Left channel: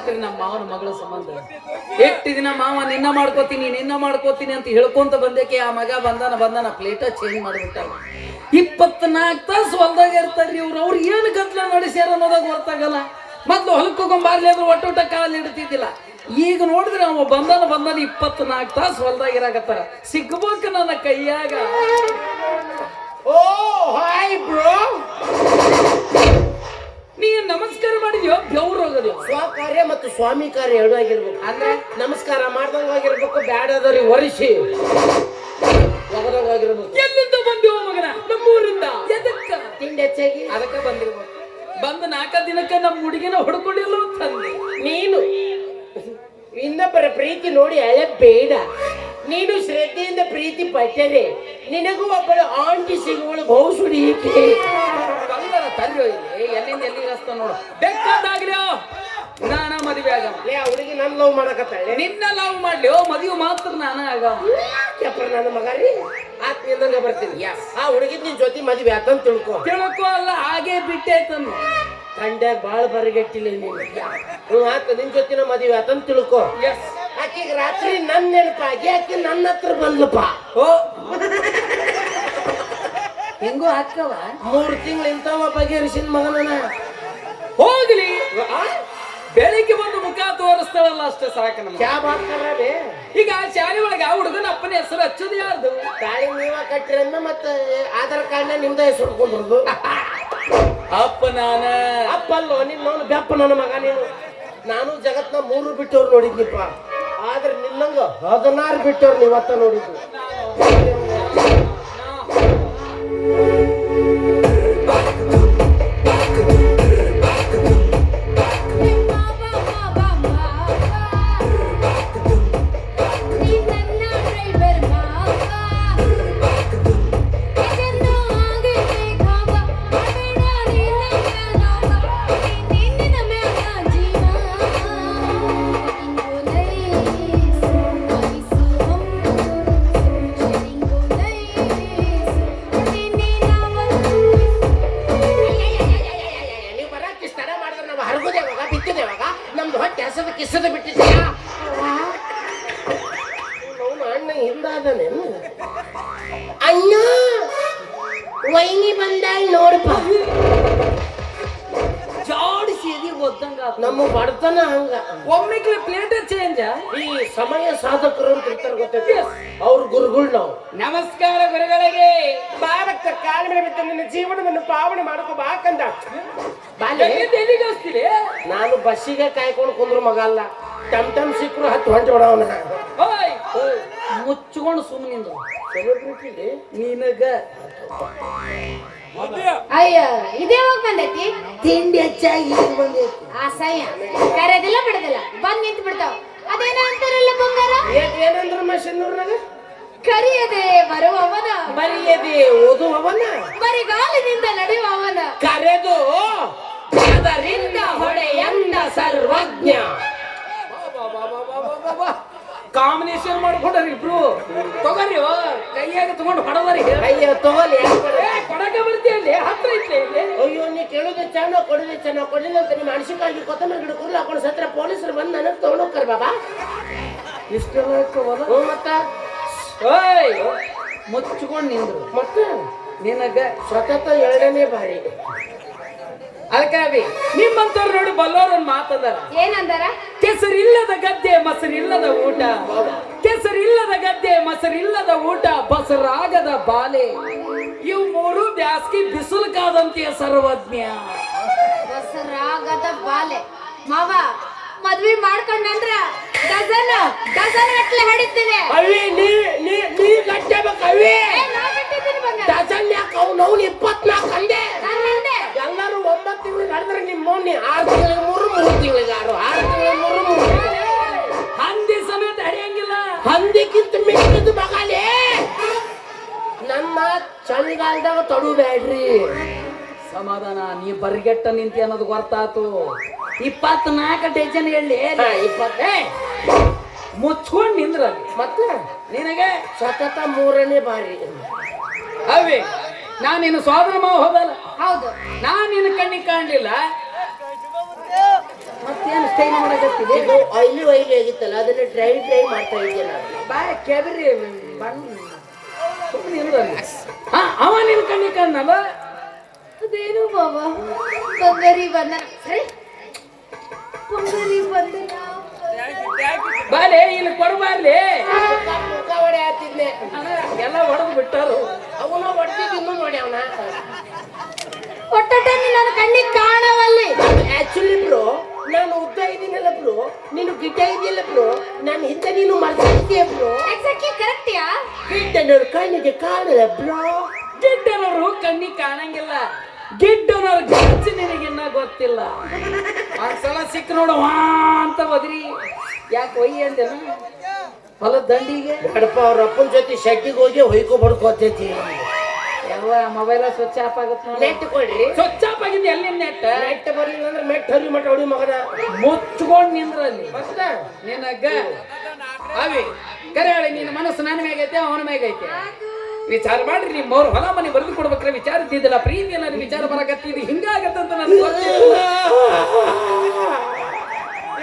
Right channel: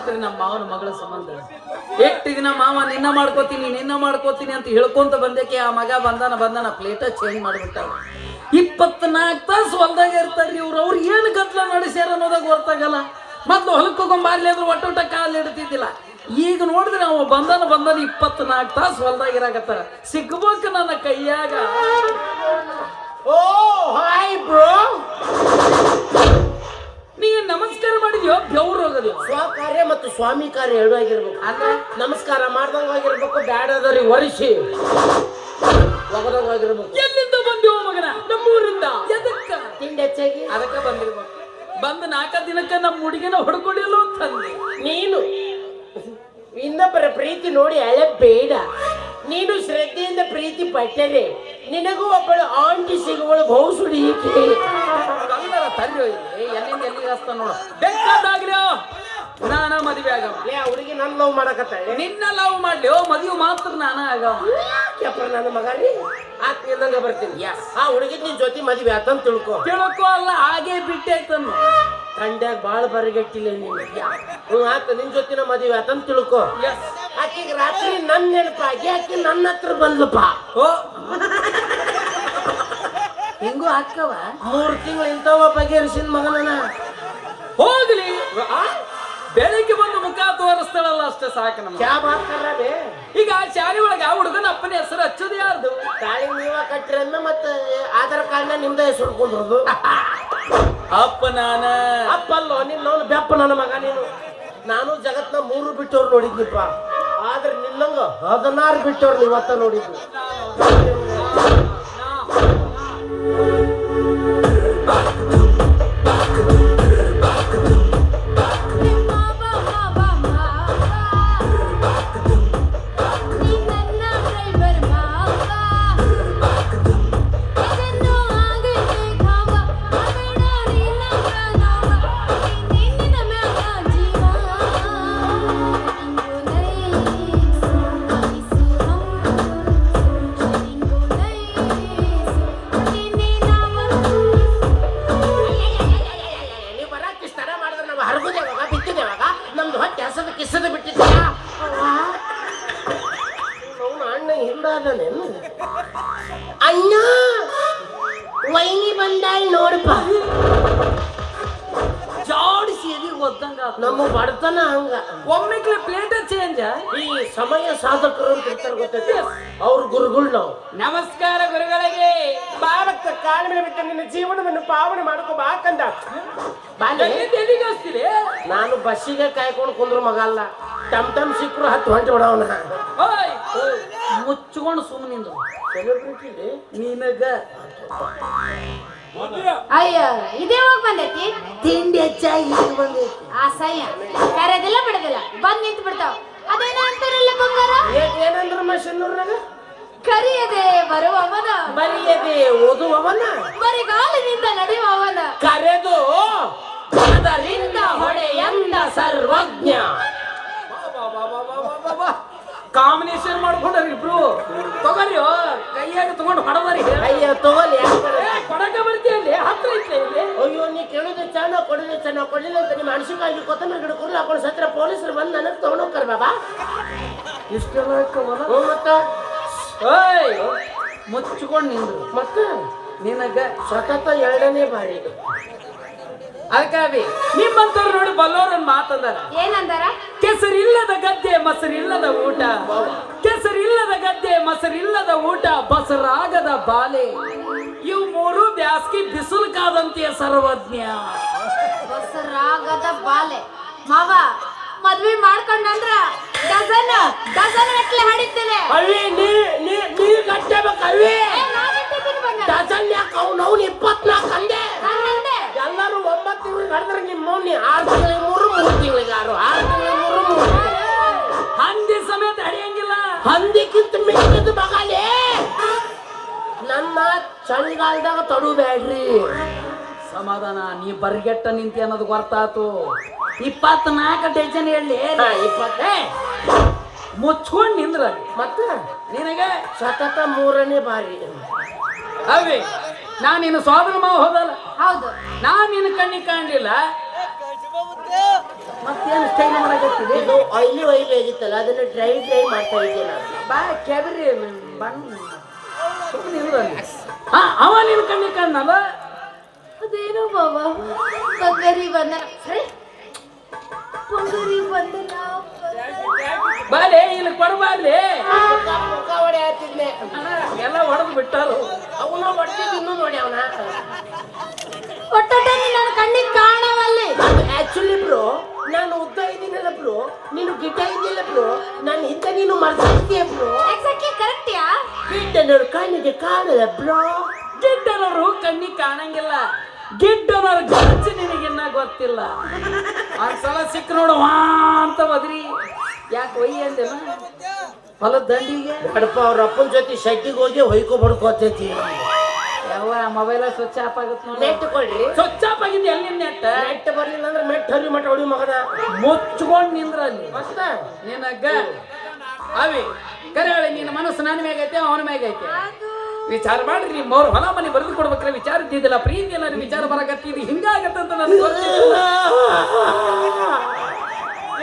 ಹೆಂಗಾತ್ರಿ ನಮ್ಮ ಮಾವನ ಮಗಳ ಸಂಬಂಧ. ಎಷ್ಟು ದಿನ ಮಾವ ನಿನ್ನ ಮಾಡ್ಕೋತೀನಿ ಅಂತ ಹೇಳ್ಕೊಂತ ಬಂದೇಕೆ ಆ ಮಗ ಬಂದಾನ ಪ್ಲೇಟ ಚೇಂಜ್ ಮಾಡಿಬಿಟ್ಟ. 24 ತಾಸು ಹೊಲ್ದಾಗ ಇರ್ತಾರ್ರಿ ಅವ್ರು ಏನು ಗದ್ಲ ನಡೆಸ್ಯಾರ ಅನ್ನೋದಾಗ ಗೊತ್ತಾಗಲ್ಲ. ಮೊದ್ಲು ಹೊಲಕ್ಕೆ ಹೋಗೊಂಬಾರ್ಲಿ ಅಂದ್ರೆ ಒಟ್ಟೊಟ್ಟ ಕಾಲು ಇಡ್ತಿದ್ದಿಲ್ಲ. ಈಗ ನೋಡಿದ್ರೆ ಅವ ಬಂದಾನ 24 ತಾಸು ಹೊಲ್ದಾಗ ಇರಾಕತ್ತಾರ. ಸಿಗ್ಬೇಕು ನನ್ನ ಕೈಯಾಗ. ಓ ಹಾಯ್ ಬ್ರೋ, ನೀನು ನಮಸ್ಕಾರ ಮಾಡಿದ್ಯೋ ಬೆವ್ರು ಹೋಗೋದು. ಸ್ವಕಾರ್ಯ ಮತ್ತು ಸ್ವಾಮಿ ಕಾರ್ಯ ಎರಡು ಆಗಿರ್ಬೇಕು. ಅಂದ್ರೆ ನಮಸ್ಕಾರ ಮಾಡ್ದಂಗ ಆಗಿರ್ಬೇಕು, ಬ್ಯಾಡದವ್ರಿಗೆ ಒರಿಸಿ ಒಗದಂಗಾಗಿರ್ಬೇಕು. ಎಲ್ಲಿಂದ ಬಂದಿವ ಮಗನ? ನಮ್ಮೂರಿಂದ. ಎದಕ್ಕ? ತಿಂಡಿ ಹೆಚ್ಚಾಗಿ ಅದಕ್ಕೆ ಬಂದಿರ್ಬೇಕು. ಬಂದು 4 ದಿನಕ್ಕೆ ನಮ್ಮ ಹುಡುಗಿನ ಹೊಡ್ಕೊಂಡಿಲ್ಲ ತಂದೆ. ನೀನು ಇನ್ನೊಬ್ಬರ ಪ್ರೀತಿ ನೋಡಿ ಅಳೆ ಬೇಡ. ನೀನು ಶ್ರದ್ಧೆಯಿಂದ ಪ್ರೀತಿ ಪಟ್ಟರೆ ನಿನಗೂ ಒಬ್ಬಳು ಆಂಟಿ ಸಿಗುವಳು ಬಹುಸುಡಿ. ಕಲ್ಲರ ತಂದೆ ಎಲ್ಲಿಂದ ಎಲ್ಲಿಗೆ ಹಸ್ತ ನೋಡು. ಬೇಕಾದಾಗ್ಲಿ ನಾನ ಮದುವೆ ಆಗ. ಹುಡುಗಿ ನನ್ನ ಲವ್ ಮಾಡಕತ್ತಾಳೆ. ನಿನ್ನ ಲವ್ ಮಾಡ್ಲಿ ಮದುವೆ ಮಾತ್ರ ನಾನು ಆಗ. ನನ್ನ ಮಗ ರೀ ಆತ್ಮೀಯಂಗ ಬರ್ತೀನಿ. ಆ ಹುಡುಗಿದ್ ನಿನ್ ಜೊತೆ ಮದುವೆ ಆತಂತ ತಿಳ್ಕೊ ಅಲ್ಲ, ಹಾಗೆ ಬಿಟ್ಟೈತನ್ನು. ತಂಡ್ಯಾಗ ಬಾಳ ಬರಗೆಟ್ಟಿಲ್ಲ ನೀನು. ಆತ ನಿನ್ ಜೊತಿನ ಮದುವೆ ಆತಂತ ತಿಳ್ಕೊ. ಆಕಿಗೆ ರಾತ್ರಿ ನನ್ ನೆನಪಾಗಿ ಆಕಿ ನನ್ನ ಹತ್ರ ಬಂದ್ಲಪ್ಪ. ಓ ಹೆಂಗೋ ಹಾಕವ 3 ತಿಂಗಳು ಇಂಥವ ಬಗೆಹರಿಸಿದ ಮಗನ. ಹೋಗ್ಲಿ, ಬೆಳಿಗ್ಗೆ ಬಂದು ಮುಖ ತೋರಿಸ್ತಾಳಲ್ಲ ಅಷ್ಟೇ ಸಾಕು ನಮ್ಗೆ. ಈಗ ಶಾಲೆ ಒಳಗೆ ಆ ಹುಡುಗನ ಅಪ್ಪನ ಹೆಸರು ಹಚ್ಚೋದು ಯಾರ್ದು? ತಾಳಿ ನೀವ ಕಟ್ಟಿರನ್ನ ಮತ್ತೆ ಆಧಾರ್ ಕಾರ್ಡ್ನ ನಿಮ್ದ ಹೆಸರು ಕೊಂಡ್ರದು. ಅಪ್ಪ ನಾನ ಅಪ್ಪಲ್ಲೋ ನಿನ್ನವನು ಬೆಪ್ಪ ನನ್ನ ಮಗ ನೀನು. ನಾನು ಜಗತ್ನ 3 ಬಿಟ್ಟವ್ರು ನೋಡಿದ್ನಿಪ್ಪ, ಆದ್ರೆ ನಿನ್ನಂಗ 16 ಬಿಟ್ಟವ್ರು ಇವತ್ತ ನೋಡಿದ್ದು. ನಮ್ದು ಹೊಟ್ಟೆ ಕಿಸದ ಬಿಟ್ಟಿದ್ಯಾ? ಅಣ್ಣ ಹಿಂದಾದನೇನು? ಅಣ್ಣ ವೈನಿ ಬಂದಾಳ ನೋಡಪ್ಪ. ಜಾಡಿಸಿ ಗೊತ್ತಂಗ ನಮ್ಮ ಬಡತನ ಹಂಗ. ಒಮ್ಮೆಗ್ಲೆ ಪ್ಲೇಟ್ ಚೇಂಜ್. ಈ ಸಮಯ ಸಾಧಕರು ಅಂತ ಇರ್ತಾರೆ ಗೊತ್ತೈತಿ, ಅವ್ರ ಗುರುಗಳು ನಾವು. ನಮಸ್ಕಾರ ಗುರುಗಳಿಗೆ. ಬಾರಕ್ಕ ಕಾಲ ಮೇಲೆ ಬಿಟ್ಟು ನಿನ್ನ ಜೀವನವನ್ನು ಪಾವನೆ ಮಾಡ್ಕೋ ಬಾಕಂದ. ಎಲ್ಲಿಗೆ ನಾನು ಬಸ್ಸಿಗೆ ಕಾಯ್ಕೊಂಡು ಕುಂದ್ರು ಮಗ ಅಲ್ಲ, ಟಮ್ ಸಿಕ್ಕರು ಹತ್ತು ಹೊಂಟು ಬಿಡವನ. ಮುಚ್ಕೊಂಡು ಸುಮ್ಮನಿಂದ ನಿನಗ ಅಯ್ಯ ಇದೇ ಹೋಗಿ ಬಂದೈತಿ. ತಿಂಡಿ ಹೆಚ್ಚಾಗಿ ಬಂದೈತಿ. ಅಸಹ್ಯ ಕರೆದಿಲ್ಲ ಬಿಡದಿಲ್ಲ ಬಂದ್ ನಿಂತು ಬಿಡ್ತಾವ. ಅದೇನ ಅಂತಾರಲ್ಲ ಬಂಗಾರ, ಏನಂದ್ರ ಮಷನ್ನೂರ್ನಾಗ ಕರಿಯದೆ ಬರುವವನ, ಬರಿಯದೆ ಓದುವವನ, ಬರಿಗಾಲಿನಿಂದ ನಡೆಯುವವನ, ಕರೆದು ಅದರಿಂದ ಹೊಡೆಯಂದ ಸರ್ವಜ್ಞ. ಕಾಂಬಿನೇಷನ್ ಮಾಡ್ಕೊಂಡ್ರಿ ಇಬ್ರು. ತಗೋರಿ ಕೈಯಾಗ ತಗೊಂಡು ಹೊಡದ್ರಿ. ಅಯ್ಯೋ ತಗೋಲಿ, ಕೊಡಕ ಬರ್ತೀಯಲ್ಲಿ ಹತ್ರ ಐತೆ ಇಲ್ಲಿ. ಅಯ್ಯೋ ನೀ ಕೇಳೋದು ಚೆನ್ನಾಗಿ ಕೊಡಲಿಲ್ಲ ಅಂತ ನಿಮ್ಮ ಅಣಸಿಕಾಗಿ ಕೊತ್ತಂಬರಿ ಗಿಡ ಕುರ್ಲು ಹಾಕೊಂಡು ಸತ್ರ ಪೊಲೀಸರು ಬಂದು ನನಗೆ ತಗೊಂಡೋಗ್ತಾರೆ ಬಾಬಾ. ಇಷ್ಟೆಲ್ಲ ಮತ್ತೆ ಮುಚ್ಕೊಂಡು ನಿಂದ್ರು. ಮತ್ತೆ ನಿನಗ ಸತತ 2ನೇ ಬಾರಿ. ಅದಕ್ಕಾಗಿ ನಿಮ್ಮಂತವ್ರು ನೋಡಿ ಬಲ್ಲೋರನ್ ಮಾತಂದಾರ. ಏನಂದಾರ? ಕೆಸರಿಲ್ಲದ ಗದ್ದೆ ಮೊಸರಿಲ್ಲದ ಊಟ, ಕೆಸರಿಲ್ಲದ ಗದ್ದೆ ಮೊಸರಿಲ್ಲದ ಊಟ, ಬಸರಾಗದ ಬಾಲೆ, ಇವು 3 ಬ್ಯಾಸ್ಗಿ ಬಿಸಿಲುಕಾದಂತೆಯ ಸರ್ವಜ್ಞ. ಬಸರಾಗದ ಬಾಲೆ ಮಾವ ಮದ್ವೆ ಮಾಡ್ಕೊಂಡ್ರ ಡಜನ್ ಗಟ್ಲೆ ಹಡಿತೀನಿ. ಅವಿ ನೀ ಗಟ್ಟಬೇಕು ಅವಿ. ಡಜನ್ ಯಾಕೆ ಅವ್ನು 24 ಅಂದೆ. ಎಲ್ಲರೂ 9 ತಿಂಗಳು ನಡೆದ್ರೆ ನಿಮ್ಮ ಮೌನಿ 6 ತಿಂಗಳಿಗೆ 3 ತಿಂಗಳಿಗೆ 6 ತಿಂಗಳಿಗೆ 3 ಹಂದಿ ಸಮೇತ ಹಡಿಯಂಗಿಲ್ಲ. ಹಂದಿಕ್ಕಿಂತ ಮಿಕ್ಕಿದ್ದು ಮಗಾಲೆ. ನನ್ನ ಚಳಿಗಾಲದಾಗ ತಡುಬೇಡ್ರಿ. ಸಮಾಧಾನ, ನೀ ಬರ್ಗೆಟ್ಟ ನಿಂತಿ ಅನ್ನೋದು ಗೊತ್ತಾತು. 24 ಡಜನ್ ಹೇಳಿ 20 ಮುಚ್ಕೊಂಡ್ ನಿಂದ್ರ. ಮತ್ತೆ ನಿನಗೆ ಸತತ 3ನೇ ಬಾರಿ. ಅವೇ ನಾನಿನ್ನು ಸೋದರ ಮಾವ ಹೋದಲ್ಲ, ಹೌದು. ನಾನು ನಿನ್ನ ಕಣ್ಣಿಗೆ ಕಾಣಲಿಲ್ಲ. ಮತ್ತೇನು ಸ್ಟೈಲ್ ಮಾಡಕತ್ತಿದೆ ಇದು ಆಯ್ಲಿ ಆಗಿತ್ತಲ್ಲ ಅದನ್ನ ಡ್ರೈ ಮಾಡ್ತಾ ಇದ್ದೆ ನಾನು. ಬಾ ಕೆಬರಿ ಬಣ್ಣ ಸುಮ್ಮನೆ ಇರುದಲ್ಲಿ ಅವ ನಿನ್ ಕಣ್ಣಿ ಕಣ್ಣವ ಅದೇನು ಮಾವ ಬಂಗಾರಿ ಬಂದನ ಸರಿ ಬಂಗಾರಿ ಬಂದನ ಬಾಲೆ ಇಲ್ಲಿ ಕೊಡಬಾರ್ಲಿ ಮುಖ ಹೊಡೆ ಹಾಕ್ತಿದ್ನೆ. ಎಲ್ಲ ಹೊಡೆದು ಬಿಟ್ಟಾರು ಅವನ ಹೊಡ್ತಿದ್ದು ಇನ್ನೂ ನೋಡಿ ಅವನ. ಒಟ್ಟಟ ನನ್ನ ಕಣ್ಣಿಗೆ ಕಾಣವಲ್ಲಿ ಆಕ್ಚುಲಿ ಬ್ರೋ ನಾನು ಉದ್ದ ಇದ್ದೀನಲ್ಲ ಬ್ರೋ, ನೀನು ಗಿಡ್ಡ ಇದೆಯಲ್ಲ ಬ್ರೋ, ನಾನು ಹಿಂದೆ ನೀನು ಮರ್ತಿದ್ದೆ ಬ್ರೋ. ಎಕ್ಸಾಕ್ಟ್ಲಿ ಕರೆಕ್ಟ್ ಯಾ ಗಿಡ್ಡನವ್ರು ಕಣ್ಣಿಗೆ ಕಾಣಲ್ಲ ಬ್ರೋ. ಗಿಡ್ಡನವರು ಕಣ್ಣಿಗೆ ಕಾಣಂಗಿಲ್ಲ, ಗಿಡ್ಡನವ್ರ ಗಚ್ಚಿ ನಿನಗಿನ್ನ ಗೊತ್ತಿಲ್ಲ. ಒಂದ್ಸಲ ಸಿಕ್ಕ ನೋಡು ವಾ ಅಂತ ಒದ್ರಿ ಯಾಕೆ ಒಯ್ಯಿ ಅಂದಿಲ್ಲ ಹೊಲದ ದಂಡಿಗೆ ನಡಪ ಅವ್ರ ಅಪ್ಪನ ಜೊತೆ ಶೆಟ್ಟಿಗೆ ಹೋಗಿ ಹೊಯ್ಕೊ ಬಡ್ಕೋತೈತಿ. ಯಾವ ಮೊಬೈಲ ಸ್ವಿಚ್ ಆಫ್ ಆಗುತ್ತೆ ನೋಡಿ. ನೆಟ್ ಕೊಡ್ರಿ. ಸ್ವಿಚ್ ಆಫ್ ಆಗಿದ್ದು ಎಲ್ಲಿ ನೆಟ್ ನೆಟ್ ಬರ್ಲಿಲ್ಲ ಅಂದ್ರೆ ಮೆಟ್ ಹರಿ ಮಠ ಹೊಡಿ ಮಗನ. ಮುಚ್ಕೊಂಡು ನಿಂದ್ರಲ್ಲಿ ಮತ್ತ ನಿನಗ ಅವಿ ಕರೆ ಹೇಳಿ ನಿನ್ನ ಮನಸ್ಸು ನನ್ನ ಮ್ಯಾಗೈತೆ ಅವನ ಮ್ಯಾಗೈತೆ ವಿಚಾರ ಮಾಡ್ರಿ. ನಿಮ್ಮ ಅವ್ರ ಹೊಲ ಮನೆ ಬರೆದು ಕೊಡ್ಬೇಕ್ರೆ ವಿಚಾರ ಇದ್ದಿದ್ದಿಲ್ಲ, ಪ್ರೀತಿ ಏನಾದ್ರು ವಿಚಾರ ಬರಕತ್ತಿದ್ದು ಹಿಂಗಾಗತ್ತಂತ ನನಗೆ ಗೊತ್ತಿಲ್ಲ.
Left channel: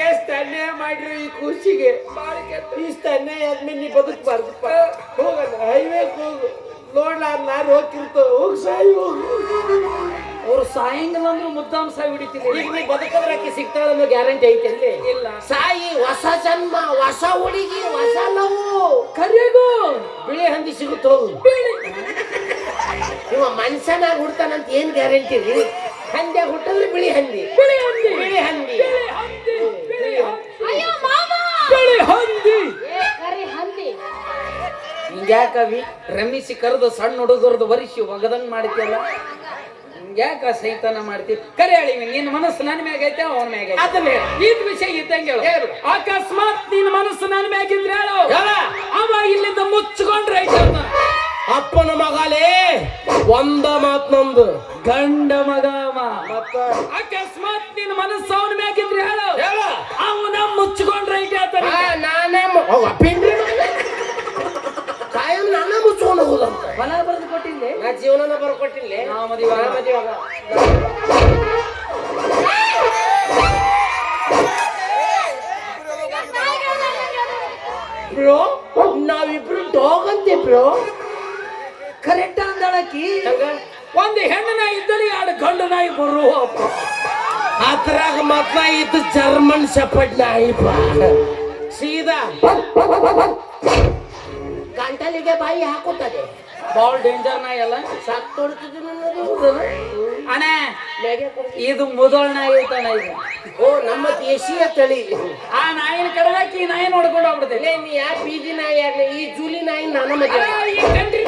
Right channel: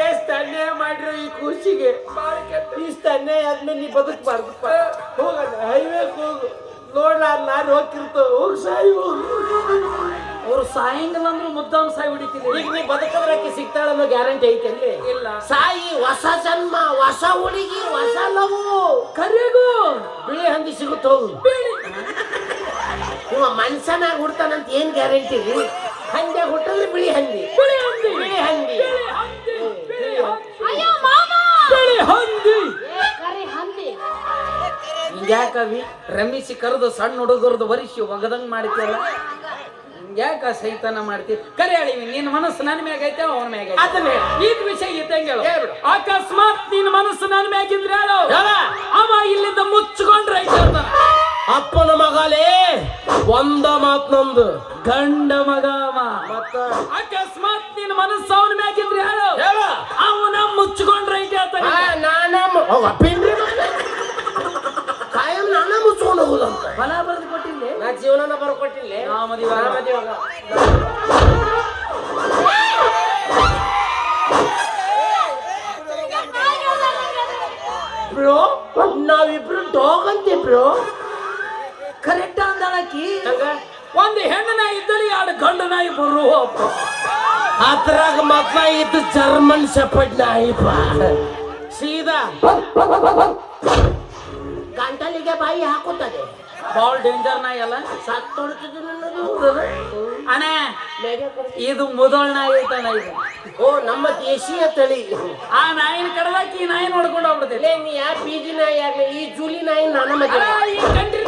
ಎಷ್ಟು ಅನ್ಯಾಯ ಮಾಡ್ರಿ ಈ ಕೂಸಿಗೆ. ಇಷ್ಟು ಅನ್ಯಾಯ ಆದ್ಮೇಲೆ ನೀ ಬದುಕಬಾರ್ದಪ್ಪ. ಹೋಗಲ್ಲ ಹೈವೇಗೆ ಹೋಗು, ನಾನು ಹೋಗ್ತಿರ್ತೇವೆ. ಹೋಗಿ ಸಾಯಿ ಹೋಗು. ಅವ್ರು ಸಾಯಂಗಿಲ್ಲ ಅಂದ್ರೆ ಮುದ್ದಾಮ್ ಸಾಯಿ ಹೊಡಿತೀನಿ. ಈಗ ನೀ ಬದುಕದ್ರಕ್ಕೆ ಸಿಗ್ತಾಳ ಅನ್ನೋ ಗ್ಯಾರಂಟಿ ಐತೆ ಅಲ್ಲಿ ಇಲ್ಲ. ಸಾಯಿ ಹೊಸ ಜನ್ಮ, ಹೊಸ ಹುಡುಗಿ, ಹೊಸ ಲವು. ಕರೆಗೂ ಬಿಳಿ ಹಂದಿ ಸಿಗುತ್ತೆ ಹೋಗು. ಇವ ಮನುಷ್ಯನಾಗ ಹುಡ್ತಾನಂತ ಏನ್ ಗ್ಯಾರಂಟಿ ರೀ? ಹಂದಿಯಾಗ ಹುಟ್ಟಿದ್ರೆ ಬಿಳಿ ಹಂದಿ, ಬಿಳಿ ಹಂದಿ, ಬಿಳಿ ಹಂದಿ. ಅಯ್ಯೋ ಮಾವ ಬಿಳಿ ಹಂದಿ. ಕರಿ ಹಂದಿ ಹಿಂಗ್ಯಾಕವಿ ರಮಿಸಿ ಕರೆದು ಸಣ್ಣ ಹುಡುಗರದು ವರಿಸಿ ಒಗದಂಗ್ ಮಾಡ್ತಿಯಲ್ಲ, ಹಿಂಗ್ಯಾಕ ಸೈತಾನ ಮಾಡ್ತೀವಿ? ಕರೆ ಹೇಳಿವಿ ನಿನ್ನ ಮನಸ್ಸು ನನ್ನ ಮ್ಯಾಗ ಐತೆ ಅವನ ಮ್ಯಾಗ ಐತೆ. ಅದನ್ನೇ ಇದ್ ವಿಷಯ ಇದ್ದಂಗೆ ಹೇಳು. ಅಕಸ್ಮಾತ್ ನಿನ್ನ ಮನಸ್ಸು ನನ್ನ ಮ್ಯಾಗಿದ್ರೆ ಹೇಳು, ಅವ ಇಲ್ಲಿಂದ ಮುಚ್ಕೊಂಡ್ರೆ ಐತೆ ಅಂತ. ಅಪ್ಪನ ಮಗಾಲೇ ಒಂದ ಮಾತ್ ನಂದು ಗಂಡ ಮಗ ಅವ. ಮತ್ತ ಅಕಸ್ಮಾತ್ ನಿನ್ನ ಮನಸ್ಸು ಅವನ ಮ್ಯಾಗಿದ್ರೆ ಹೇಳು, ಅವನ ಮುಚ್ಕೊಂಡ್ರೆ ಐತೆ ಅಂತ. ಕಾಯಂ ನಾನ ಮುಚ್ಕೊಂಡು ಹೋಗುದಂತ ಹೊಲ ಬರೆದು ಕೊಟ್ಟಿದ್ದೆ ನಾ ಜೀವನನ ಬರ್ಕೊಟ್ಟಿಲ್ಲ. ಬ್ರೋ ನಾವಿಬ್ರು ಡಾಗ್ ಅಂತೆ ಬ್ರೋ. ಕರೆಕ್ಟ್ ಅಂದಾಳಕಿ. ಒಂದು ಹೆಣ್ಣು ನಾಯಿ ಇದ್ದಲ್ಲಿ ಎರಡು ಗಂಡು ನಾಯಿ ಬರು ಅದ್ರಾಗ ಮದ್ಲ ಇದ್ದು ಜರ್ಮನ್ ಶೆಪರ್ಡ್ ನಾಯಿ ಸೀದಾ ಗಂಟಲಿಗೆ ಬಾಯಿ ಹಾಕುತ್ತದೆ. ಬಾಳ ಡೇಂಜರ್ ನಾಯಿ ಅಲ್ಲ. ಅಣ್ಣ ಇದು ಮುದೋಳ್ ನಾಯಿ ಐತಣ್ಣ ಇದು. ಓ ನಮ್ಮ ದೇಶೀಯ ತಳಿ. ಆ ನಾಯಿನ ಕಡದಾಕಿ ಈ ನಾಯಿ ನೋಡ್ಕೊಂಡು ಹೋಗ್ಬಿಡ್ತೈತಿ. ನೀ ಯಾ ಬೀದಿ ನಾಯಿ ಆಗ್ಲಿ ಈ ಜೂಲಿ ನಾಯಿ ನನ್ನ ಮದುವೆ. ಈ ಕಂಡ್ರಿ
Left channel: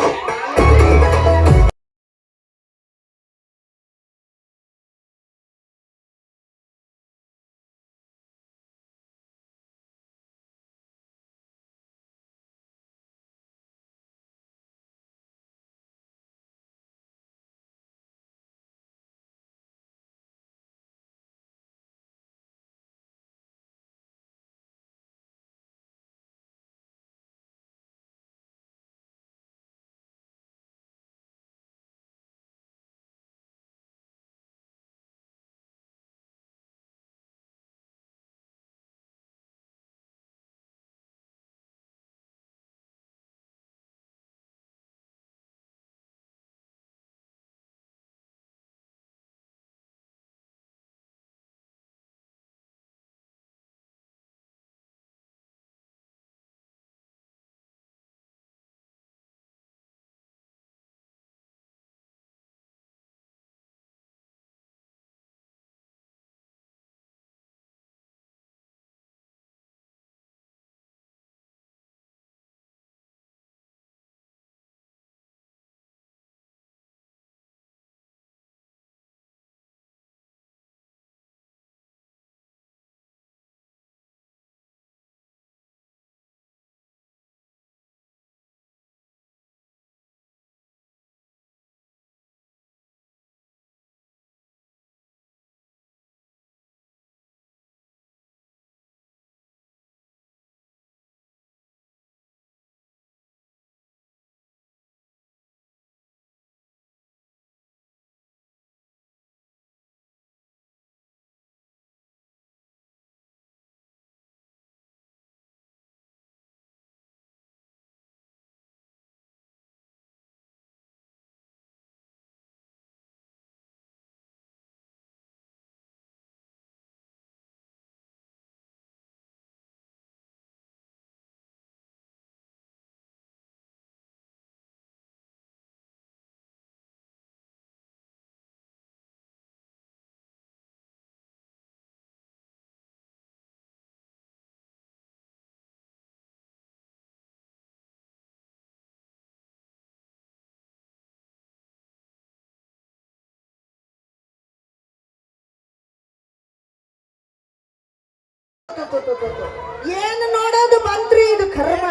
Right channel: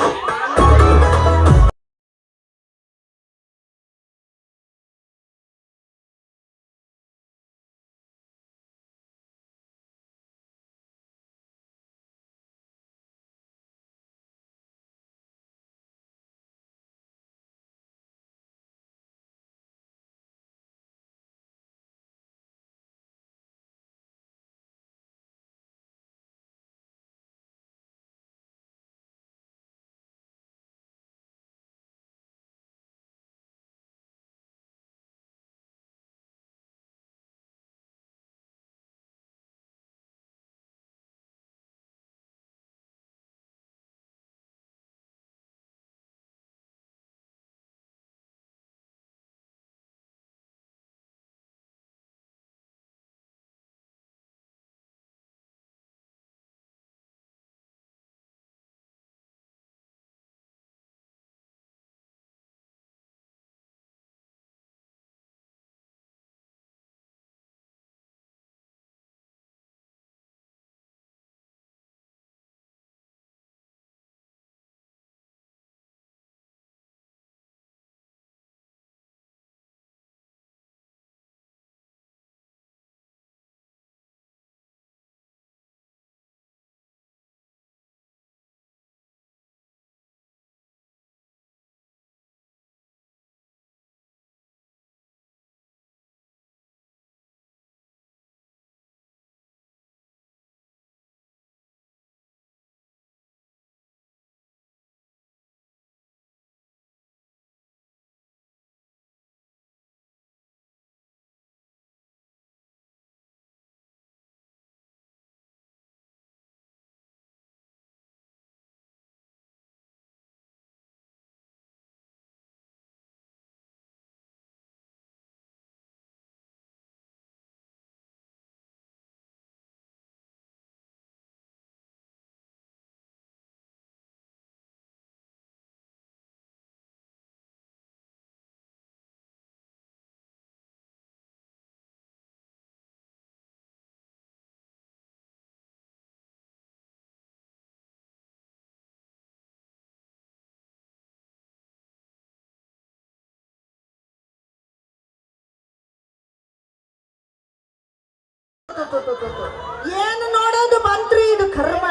ಏನು ನೋಡೋದು ಮಂತ್ರಿ ಇದು ಕರ್ಮ.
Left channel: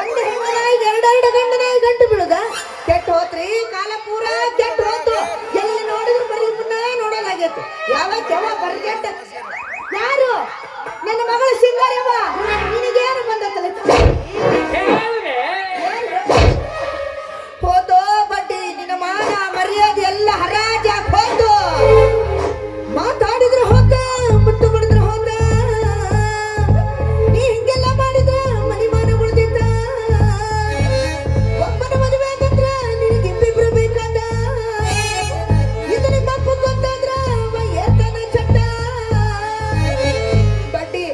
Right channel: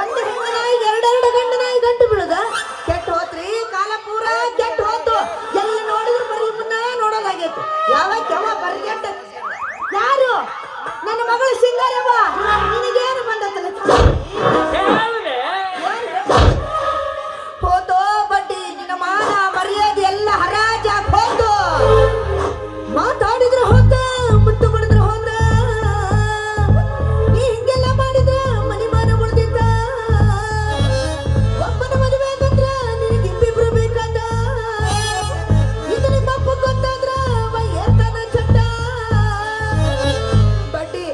ಒಂದು ಹೆಣ್ಣನಾಯಿ ಎರಡೆರಡು ಗಂಡನಾಯಿ ಗಂಟು ಬೀಳುದ ಕೆಟ್ಟ ಹೋತ್ರಿ ಕಾಲ ಪೂರ ಕೆಟ್ಟ ಹೋತು. ಎಲ್ಲಿ ನೋಡಿದ್ರು ಬರೀ ಮುನ್ನ ನೋಡೋದಾಗೈತಿ. ಯಾವ ಬರ್ಗೆಟ್ಟ ಯಾರು ನನ್ನ ಮಗಳು ಸಿಂಗಾರವ್ವ ನಿನಗೇನು ಬಂದತ್ತಲ್ಲ ಹೋತೋ ಬಡ್ಡಿ ನಿನ್ನ ಮಾನ ಮರ್ಯಾದೆ ಎಲ್ಲ ಹರಾಜ ಹೋತು. ಮಾತಾಡಿದ್ರು ಹೋತ ಮುತ್ತು ಬಡಿದ್ರು ಹೋತ. ನೀ ಹಿಂಗೆಲ್ಲ ಮಾಡಿದ್ರ ಮನಿಮಾನ ಉಳ್ದಿದ್ದ. ಒಬ್ಬನ ಮದುವೆ ಆಗಂದ್ರ ನಿನಗೆ ಇಬ್ಬಿಬ್ರು ಬೇಕಾದ. ಇದು ನಿಮ್ಮ ಅಪ್ಪ ಗೊತ್ತಾದ್ರ ಏರ್ತಾನ ಚಟ್ಟ. ಬಡ್ಡಿ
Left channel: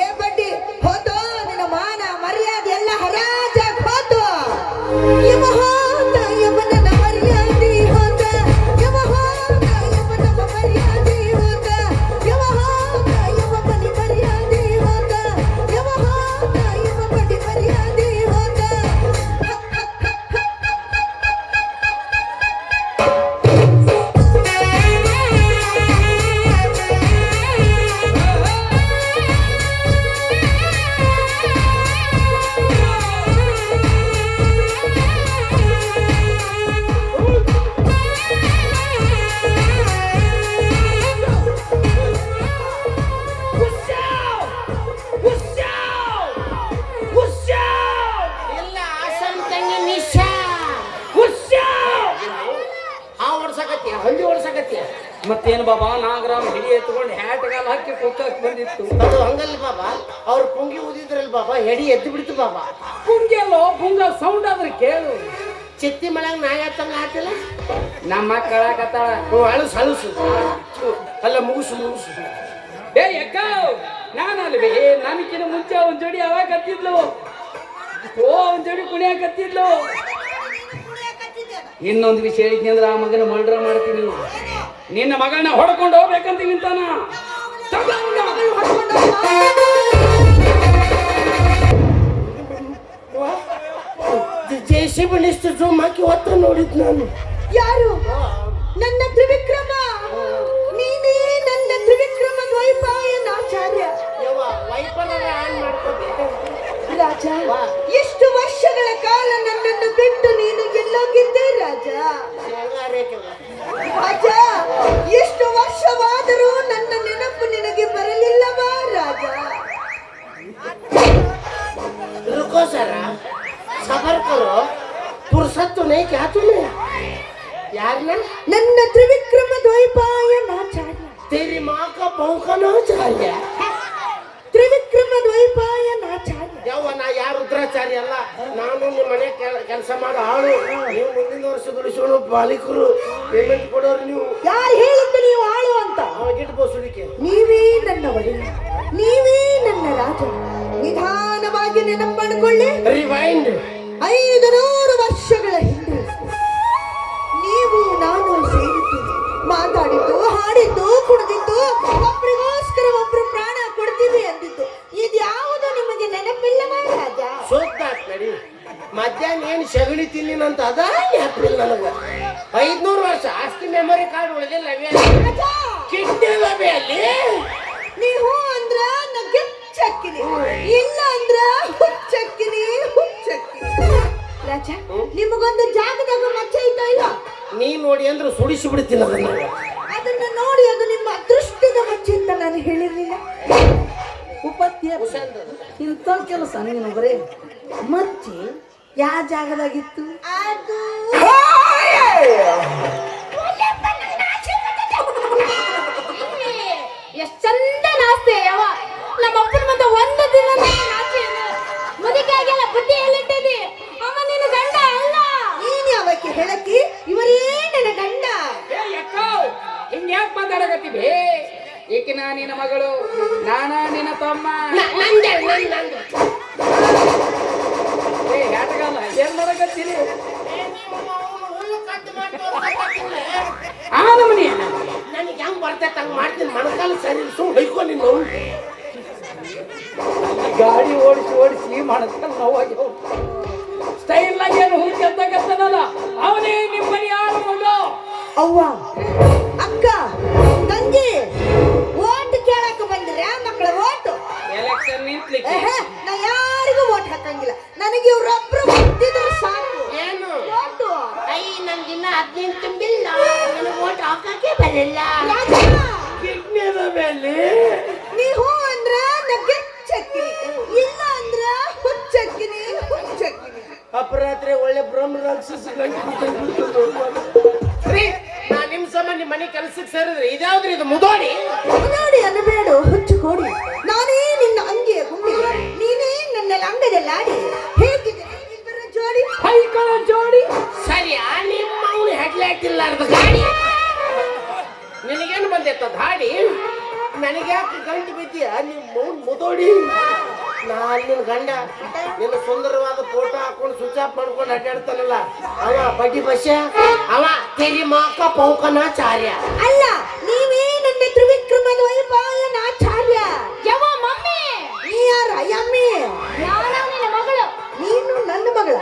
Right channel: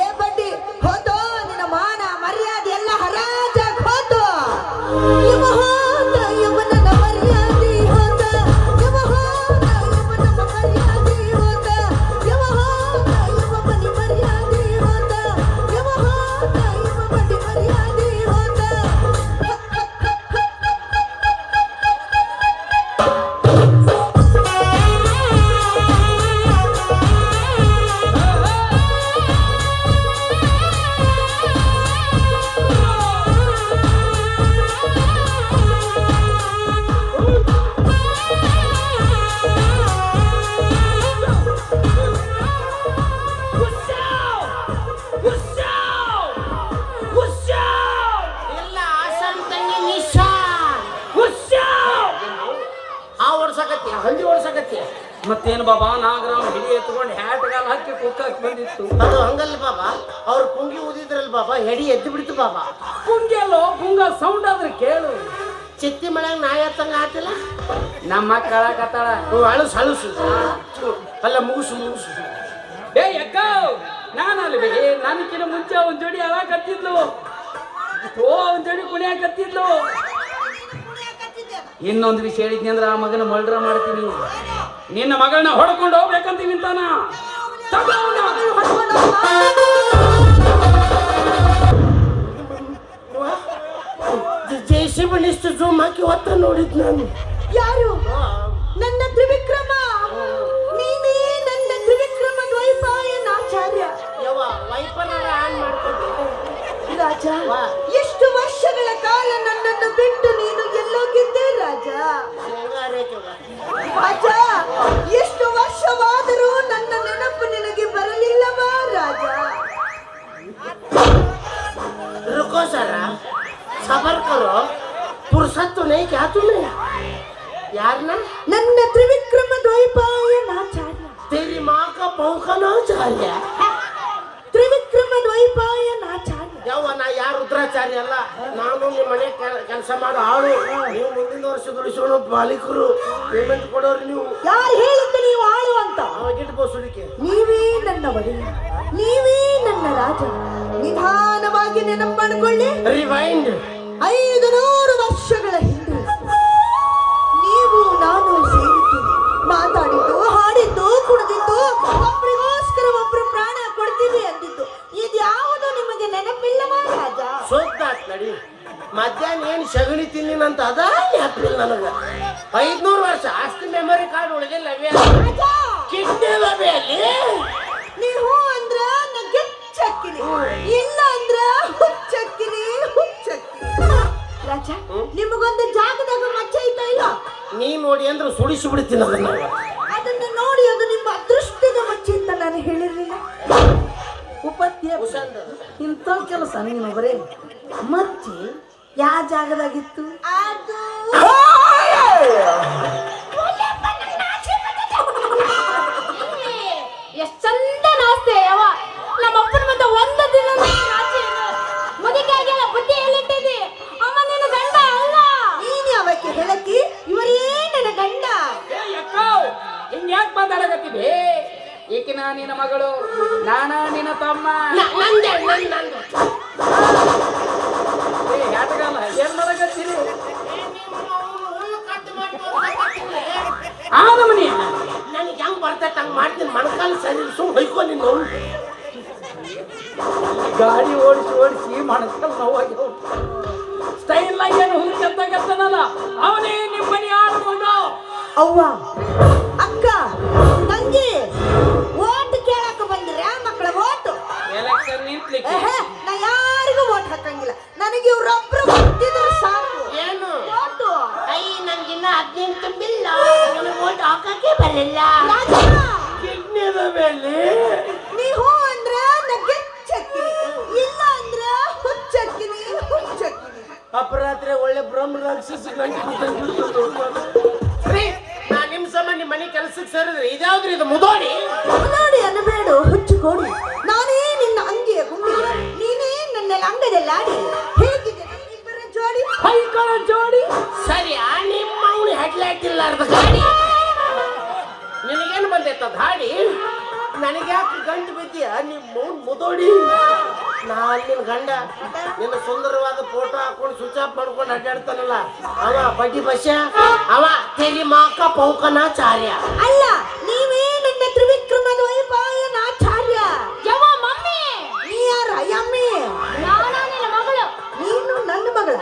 ಏ ಬಡ್ಡಿ ಹೋತೋ ನಿನ್ನ ಮಾನ ಮರ್ಯಾದೆ ಎಲ್ಲ ಹರಾಜ ಹೋತು. ಇವ ಹೋತ ಇವನ ಮರ್ಯಾದೆ ಹೋತ. ಇವ ಹೋತ ಇವನ ಮರ್ಯಾದೆ ಹೋತ. ಇವ ಹೋತ ಇವ ಬಲಿ ಮರ್ಯಾದೆ ಹೋತ. ಇವ ಹೋತ ಇವ ಬಡಿ ಮರ್ಯಾದೆ ಹೋತ. ಇಲ್ಲ ಆಸಮ್ ತಂಗಿ ನಿಶಾ ಆ ಓಡ್ಸಕತ್ತಿ ಹಳ್ಳಿ ಓಡ್ಸಕತ್ತಿ. ಮತ್ತೇನು ಬಾಬಾ ನಾಗರಾಮ್ ಹಿಡಿ ಎತ್ಕೊಂಡು ಹ್ಯಾಟ್ಗಾಲ್ ಹಾಕಿ ಕೂತಕ್ ಬಂದಿತ್ತು. ಅದು ಹಂಗಲ್ಲ ಬಾಬಾ, ಅವ್ರು ಪುಂಗಿ ಊದಿದ್ರಲ್ಲ ಬಾಬಾ, ಹೆಡಿ ಎದ್ದು ಬಿಡ್ತು ಬಾಬಾ. ಪುಂಗೆಲ್ಲೋ ಪುಂಗ ಸೌಂಡ್ ಆದ್ರೆ ಕೇಳು. ಚಿತ್ತಿ ಮಳೆಯಾಗ ನಾಯಿ ಹತ್ತಂಗ ಆತಿಲ್ಲ. ನಮ್ಮ ಕಳಕತ್ತಾಳ. ಅಳಸು ಅಳಸು ಅಲ್ಲ ಮುಗುಸು ಮುಗುಸು. ಏ ಅಕ್ಕ ನಾನಲ್ವೇ ನನಗಿನ ಮುಂಚೆ ಒಂದ್ ಜೋಡಿ ಅವಾಗ ಕತ್ತಿದ್ಲು. ಒಂದ್ ಜೋಡಿ ಕುಣಿಯಾಕತ್ತಿದ್ಲು. ಇನ್ನೊಂದು ವಿಷಯ ಹೇಳಿದ್ನಿ ಅಂದ್ರೆ ಆ ಮಗನ ಮರ್ಡರ್ ಮಾಡ್ತೀನಿ. ನಿನ್ನ ಮಗಳನ್ನ ಹೊಡ್ಕೊಂಡು ಹೋಗ್ಬೇಕಂತ ನಿಂತಾನ. ಜೆಸಿಬಿ ಲಿಸ್ಟ್ ಜೂಮ್ ಹಾಕಿ ಹೊತ್ತ ನೋಡಿದ್ ನಾನು. ಯಾರು ನನ್ನ ತ್ರಿವಿಕ್ರಮ. ನೀನೇ ನನ್ನ ತ್ರಿವಿಕ್ರಮ ದ್ವೈಪಾಯನಾಚಾರ್ಯ. ಯವ್ವ ವೈಫಲ್ಯ ಆನ್ ಮಾಡ್ಕೊಂಡೆ. ರಾಜ ಎಷ್ಟು ವರ್ಷಗಳ ಕಾಲ ನನ್ನನ್ನು ಬಿಟ್ಟು ನೀನು ಎಲ್ಲೋಗಿದ್ದೆ ರಾಜ. ರಾಜ ಎಷ್ಟು ವರ್ಷವಾದರೂ ನನ್ನ ನೆನಪು ನಿನಗೆ ಬರಲಿಲ್ಲವಾ ರಾಜ. रुको जरा सबर करो, फुर्सत तो नहीं क्या तुम्हें यार ना. ನನ್ನ ತ್ರಿವಿಕ್ರಮ ದ್ವೈಪಾಯನಾಚಾರ್ಯ. तेरी माँ का बहू का नाम चाहिए. ತ್ರಿವಿಕ್ರಮ ದ್ವೈಪಾಯನಾಚಾರ್ಯ. ಯಾವ ನಾ ಯಾರು ರುದ್ರಾಚಾರ್ಯ ಅಲ್ಲ. ನಾನು ನಿಮ್ಮ ಮನೆ ಕೆಲಸ ಮಾಡೋ ಆಳು. ನೀವು ಮುಂದಿನ ವರ್ಷ ದುಡಿಸೋಣ ಮಾಲೀಕರು, ಪೇಮೆಂಟ್ ಕೊಡೋರು ನೀವು. ಯಾರು ಹೇಳಿದ್ದು ನೀವು ಆಳು ಅಂತ? ಅವಾಗಿಟ್ಟು ಬೋಸುಡಿಕೆ. ನೀವೇ ನನ್ನ ಒಡೆಯ, ನೀವೇ ನನ್ನ ರಾಜ. ನಿಧಾನವಾಗಿ ನೆನಪು ಮಾಡಿಕೊಳ್ಳಿ. ರಿವೈಂಡ್. 500 ವರ್ಷಗಳ ಹಿಂದೆ ನೀವು ನಾನು ಸೇರಿದ್ದು, ಮಾತಾಡಿದ್ದು, ಹಾಡಿದ್ದು, ಕುಡಿದಿದ್ದು, ಒಬ್ಬರಿಗೋಸ್ಕರ ಒಬ್ರು ಪ್ರಾಣ ಕೊಡ್ತೀವಿ ಅಂದಿದ್ದು, ಇದ್ಯಾವುದು ನಿಮಗೆ ನೆನಪಿಲ್ಲವಾ ರಾಜ? ಸೋತ್ತಾತ್ ನಡಿ. ಮಧ್ಯಾಹ್ನ ಏನು ಸಗಣಿ ತಿನ್ನಿನಂತ ಅದ ಏಪ್ರಿಲ್ ನನಗ 500 ವರ್ಷ ಆಸ್ತಿ ಮೆಮೊರಿ ಕಾರ್ಡ್ ಉಳಿದಿಲ್ಲ. ಕಿಟ್ಟಿಲ್ಲ ಅಲ್ಲಿ. ನೀವು ಅಂದ್ರ ನಗ್ಗೆಚ್ಚಕ್ಕಿನಿ, ಇಲ್ಲ ಅಂದ್ರ ಹುಚ್ಚಕ್ಕಿನಿ ಹುಚ್ಚಕ್ಕಿನಿ. ರಾಜ ನಿಮಗೊಂದು ಜಾಗದಾಗ ಮಚ್ಚ ಐತಾ ಇಲ್ಲ? ನೀ ನೋಡಿ ಅಂದ್ರೆ ಸುಡಿಸಿ ಬಿಡ್ತೀನಿ ಅದನ್ನ. ಅದನ್ನ ನೋಡಿ ಅದು ನಿಮ್ಮ ಅದೃಷ್ಟದ ಮಚ್ಚೆ ಅಂತ ನಾನು ಹೇಳಿರ್ಲಿಲ್ಲ. ಉಪತ್ಯ ಇಂಥ ಕೆಲಸ ನೀನು ಬರೇ ಮಚ್ಚಿ ಯಾವ ಜಾಗದಾಗಿತ್ತು? ಅದು ಎಷ್ಟ್ ಚಂದ ನಾಸ್ತೆ ಯಾವ ನಮ್ಮ ಅಪ್ಪನ ಮುಂದೆ ಒಂದು ದಿನ ನಾಚಿ ಮುದುಕಿ ಆಗಿಲ್ಲ, ಬುದ್ಧಿ ಎಲ್ಲಿಟ್ಟಿದ್ದಿ? ಅಮ್ಮ ನಿನ್ನ ಗಂಡ ಅಲ್ಲ. ನೀನ್ ಯಾವಕ್ಕೆ ಹೇಳಕ್ಕಿ? ಇವರೇ ನನ್ನ ಗಂಡ. ಹಿಂಗ್ಯಾಕ್ ಮಾತಾಡಕತ್ತೀವಿ? ಏಕಿನ ನಿನ್ನ ಮಗಳು, ನಾನಾ ನಿನ್ನ ತಮ್ಮ. ಹ್ಯಾಟಗಲ್ಲ ಏನ್ ಮಾಡಕತ್ತೀರಿ? ಆ ನಮನಿ ನನಗೆ ಹೆಂಗ್ ಬರ್ತೈತೆ ಹಂಗ್ ಮಾಡ್ತೀನಿ. ಮಣಕಾಲ ಸರಿ ಸುಮ್ ಹೊಯ್ಕೊ ನೀನು. ಗಾಡಿ ಓಡಿಸಿ ಓಡಿಸಿ ಮಣಕಲ್ ನೋವಾಗಿ ಸ್ಟೈಲ್ ಏನು ಹುಡುಕತ್ತನಲ್ಲ ಅವನೇ ನಿಮ್ಮನೆ ಆಳು ಮಗ. ಅವ್ವ, ಅಕ್ಕ, ತಂಗಿ, ಓಟ್ ಕೇಳಕ್ಕೆ ಬಂದಿರ ಮಕ್ಕಳ ಓಟು. ಅಲ್ಲಿ ನೀ ಹೂ ಅಂದ್ರ ಗೆಚ್ಚಕ್ಕಿನಿ, ಇಲ್ಲ ಅಂದ್ರ ಹುಚ್ಚಕ್ಕಿನಿ ಹುಚ್ಚಕ್ಕಿನಿ. ಅಪರಾತ್ರಿ ಒಳ್ಳೆ ಬ್ರಹ್ಮ ರಾಕ್ಷಸ ರೀ. ನಾ ನಿಮ್ ಸಂಬಂಧ ನಿಮ್ ಮನೆ ಕೆಲ್ಸಕ್ಕೆ ಸೇರಿದ್ರಿ ಇದ್ಯಾವ್ದ್ರಿ ಇದು ಮುದೋಡಿ? ನೋಡಿ ಅನ್ನಬೇಡು ಹುಚ್ಚು ಕೋಡಿ, ನಾನೇ ನಿನ್ನ ಅಂಗಿಯ ಗುಂಡಿ, ನೀನೇ ನನ್ನ ಲಂಗದಲ್ಲಾಡಿ. ಹೇಗಿದೆ ಇಬ್ಬರ ಜೋಡಿ? ಕೈಗಳ ಜೋಡಿ. ಸರಿ ನಿಮ್ಮ ಅವನು ಹೆಡ್ಲೈಟ್ ಇಲ್ಲಾರ್ದ ಗಾಡಿ ನಿನಗೇನು ಬಂದೈತ ಗಾಡಿ? ನನಗ್ಯಾಕೆ ಗಂಟು ಬಿದ್ದೀಯ ನಿಮ್ಮ ಮುದೋಡಿ? ನಾನು ನಿನ್ನ ಗಂಡ ನಿನ್ನ ಸುಂದರವಾದ ಫೋಟೋ ಹಾಕೊಂಡು ಸ್ವಿಚ್ ಆಫ್ ಮಾಡ್ಕೊಂಡು ಅಡ್ಡಾಡ್ತಾನಲ್ಲ ಅವ ಬಡ್ಡಿ ಬಸ್ಸ, ಅವ ತೆರಿ ಮಾಕ ಪೌಕನಾಚಾರ್ಯ. ಅಲ್ಲ, ನೀವೇ ನನ್ನ ತ್ರಿವಿಕ್ರಮದ ವೈಪಾಯನಾಚಾರ್ಯ. ಯವ್ವ ಮಮ್ಮಿ, ನೀ ಯಾರ ಯಮ್ಮಿ? ನಾನ ನಿನ್ನ ಮಗಳು. ನೀನು ನನ್ನ ಮಗಳ.